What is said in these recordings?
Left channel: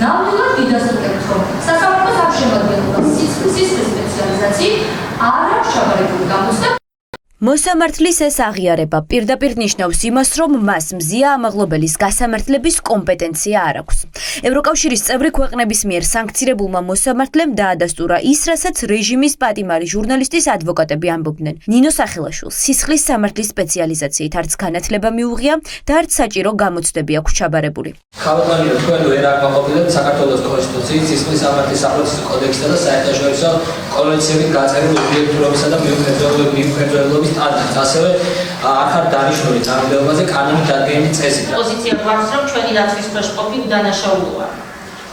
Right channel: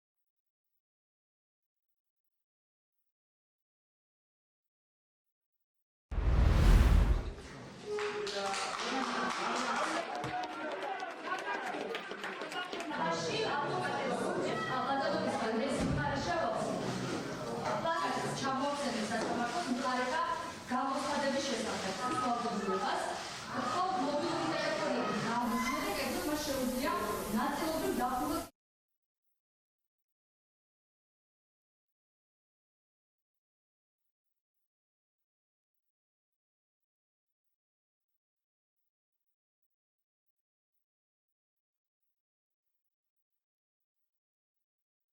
ნამდვილად ვიდასტურებთ, რომ სასამართლოს არ შემადგენლობა სისხლის სპეციალიზაციით არ აქვს ჩაბარებული გამოცდა. მოსამართლის ეს აღიარება პირდაპირ ნიშნავს იმას, რომ მას მზია ამაღლობელის გასამართლების კომპეტენცია არ აქვს. ევროკავშირის წევრი ქვეყნების მიერ სანქცირებულმა მოსამართლემ დაადასტურა ის, რასაც რეჟიმის პატიმარი ჟურნალისტის ადვოკატები ამბობდნენ. ნინო სახელაშვილს სისხლის სამართლის სპეციალიზაციით არც განათლება მიუღია და არც საჭირო გამოცდები აქვს ჩაბარებული. ქალბატონი თქვენ ვერ აკმაყოფილებთ საქართველოს კონსტიტუციის, სისხლის სამართლის საპროცესო კოდექსსა და საერთაშორისო კონვენციებით გაწერილ ობიექტურობისა და მიუხედავობის სტანდარტს, ასევე აქ არ დანიშნული წარმომადგენლობაზე კანონით დადგენილი წესით. პოზიცია გვაქვს, რომ ჩვენი დაცვის ქვეშ ყოფი უდანაშაულოა.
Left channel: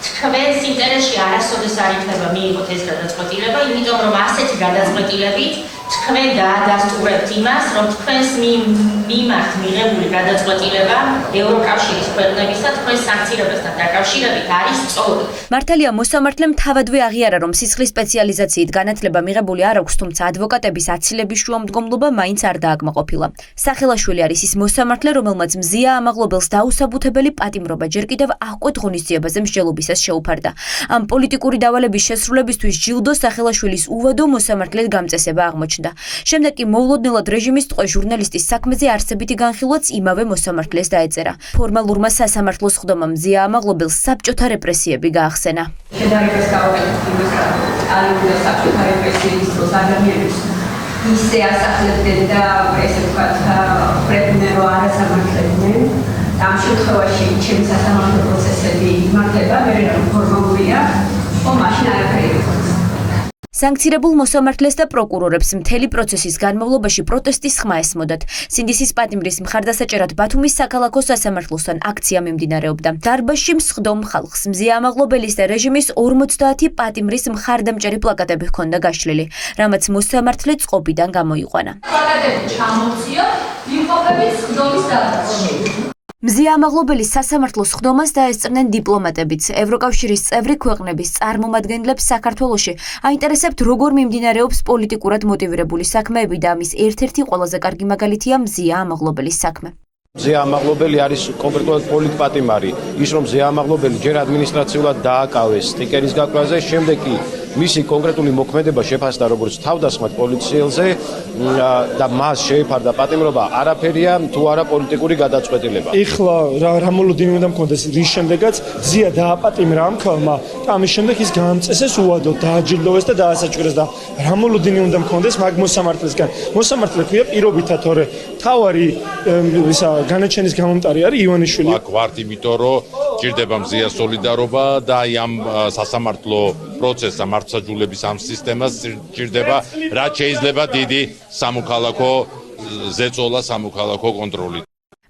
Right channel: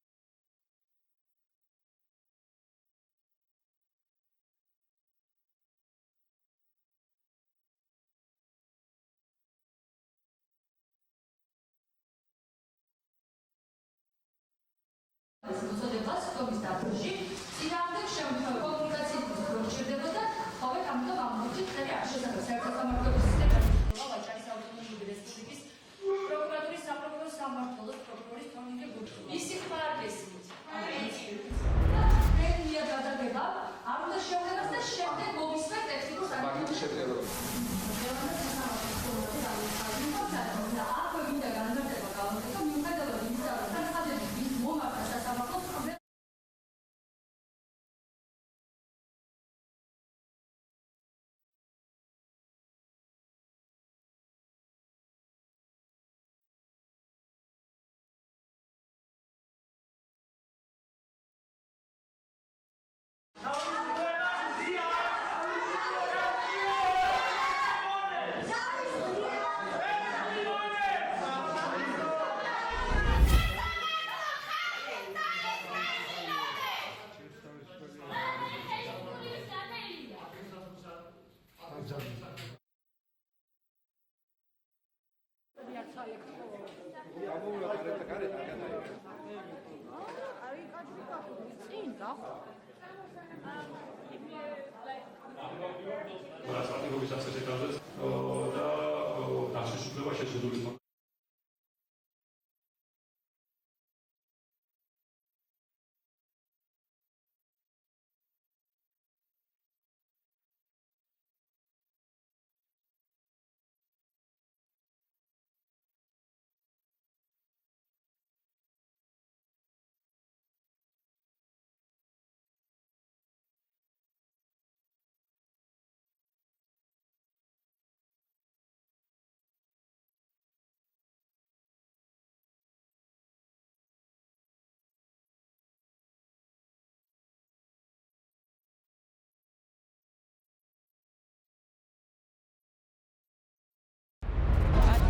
თქვენს ინტერესში არასოდეს არ იქნება მიიღოთ ეს გადაწყვეტილება, იმიტომ რომ ასეთი გადაწყვეტილებით თქვენ დაადასტურებთ იმას, რომ თქვენს მიმართ მიღებული გადაწყვეტილება ევროკავშირის ქვეყნებისა თქვენს სანქცირებასთან დაკავშირებით არის სწორი. მართალია მოსამართლემ თავადვე აღიარა, რომ სისხლის სპეციალიზაციით განათლება მიღებული არ აქვს, თუმცა ადვოკატების აცილების შუამდგომლობა მაინც არ დააკმაყოფილა. სახელაშვილი არის ის მოსამართლე, რომელმაც მზია ამაღლობელს დაუსაბუთებელი პატიმრობა ჯერ კიდევ აღკვეთ ღონისძიებაზე მსჯელობისას შეუფარდა. ამ პოლიტიკური დავალების შესრულებისთვის ჯილდო სახელაშვილის უვადო მოსამართლეს გამწესება აღმოჩნდა. შემდეგ კი მოულოდნელად რეჟიმის ტყვე ჟურნალისტის საქმეზე არსებითი განხილვაც იმავე მოსამართლეს დაეწერა. ფორმალურმა სასამართლოს ხდომამ მზია ამაღლობელს საბჭოთა რეპრესიები გაახსენა. შედარებას გავაკეთებთ იმას, რომ ალიგუდა საბჭოთა რეპრესიების დროს ადამიანებს ისე ასახლებდნენ და ესე ვთქვათ, ხრებდნენ, რომ არასამართლებდნენ. ამ შემთხვევაში ჩემი სასამართლო პროცესები იმართება, მე რომ ფორმალურია, მაშინ არაფერი იყო. სანქცირებულ მოსამართლეს და პროკურორებს მთელი პროცესის განმავლობაში პროტესტის ხმა ესმოდათ. სინდისის პატიმრის მხარდასაჭერად ბათუმის საქალაქო სასამართლოსთან აქცია მიმდინარეობდა. დარბაზში მსხდომ ხალხს მზია ამაღლობელის და რეჟიმის 50 პატიმრის მხარდამჭერი პლაკატები ჰქონდა გაშლილი, რამაც მოსამართლე წყობიდან გამოიყვანა. პლაკატები ჩამოვცია, ვიმყოფებით სხდომის დადასტურებას. მზია ამაღლობელის სასამართლოს ხდომას დაესწრნენ დიპლომატებიც. ევროკავშირის წევრი ქვეყნების წარმომადგენლებს საქართველოში აინტერესებთ, როგორ მიმდინარეობს პოლიტიკურად მოტივირებული საქმეები და ამის ერთ-ერთი ყველაზე კარგი მაგალითია მზია ამაღლობელის საქმე. მზია ამაღლობელი არის კონკრეტულად პოლიტპატიმარი. ის რომ მზია ამაღლობელი ჯერ ადმინისტრაციულად დააკავეს სტიკერის გაკვაზე, შემდეგ კი მისი კონკრეტული მოქმედება შეფასდა როგორც თავდასხმად პოლიციელზე და მას შეეფარდა პატიმრობა, არაფერია თუ არა პოლიტიკური გადაწყვეტილება. ეხლა რა მოლოდინი უნდა მქონდეს, რის შემდეგაც მზია დააპატიმრა ამ ქალმა და ამის შემდეგ ის გაამწესეს უადოდ, დააჯილდოვეს და დაასაჭირეს და რა მოლოდინი უნდა მქონდეს მაგ მოსამართლესგან. მოსამართლე ქვია პირობითად, თორე თავარი ისა განაჩენის გამომტარი არის ივანიშვილი. აქ ვართ იმიტომ, რომ ჭირდება მზია სოლიდარობა და აი ამ სასამართლო პროცესს მართლმსაჯულების ამ სისტემას ჭირდება, რაც შეიძლება დიდი სამოქალაქო ზეწოლა, სამოქალაქო კონტროლი.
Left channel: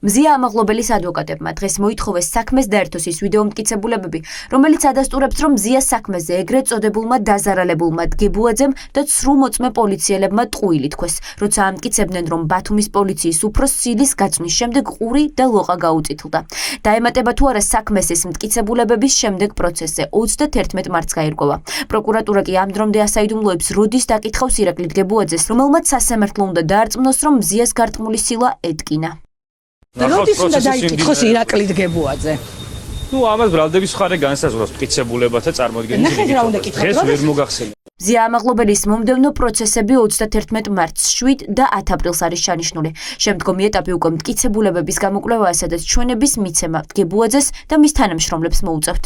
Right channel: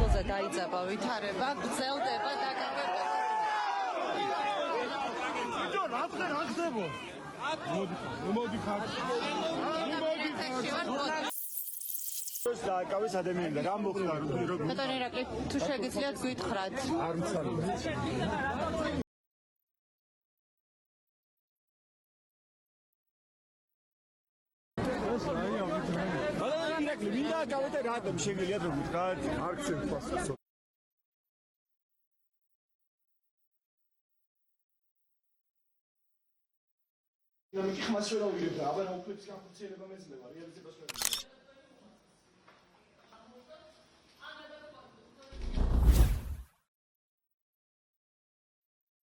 მზია ამაღლობელის ადვოკატებმა დღეს მოითხოვეს საქმეს დაერთოს ის ვიდეო მტკიცებულებები, რომელიც ადასტურებს, რომ მზიას საქმეზე ეგრეთ წოდებულმა დაზარალებულმა დგებუაძემ და ცრუ-მოწმე პოლიციელებმა ტყუილი თქვეს, როცა ამტკიცებდნენ, რომ ბათუმის პოლიციის უფროსს სილის გაწვნის შემდეგ ყური და ლოყა გაუწითლდა. დაემატება თუ არა საქმეს ეს მტკიცებულებების შემდეგ პროცესზე 31 მარტს გაირკვევა. პროკურატურა კი ამ დრომდე ასაიდუმლოებს როდის დაკითხავს ირაკლი დგებუაძეს, რომელმაც სასამართლო უნდა დაარწმუნოს, რომ მზიას გართმული სილა ეტკინა. როდის უნდა დაიკითხოს ირაკლი დგებუაძე? ამას ბრალდების მხარე განსაზღვრავს მტკიცებულებათა წარმოადგენის რიგით. დღეს ვერ მოგახსენებ. მზია ამაღლობელის მომდევნო პროცესები 31 მარტს, 7 და 10 აპრილს არის ჩანიშნული. შემდგომი ეტაპი უკვე მტკიცებულებების გამოკვლევაა, სადაც ჩვენების მიცემა დგებუაძეს და მის თანამშრომლებს მოუწევთ.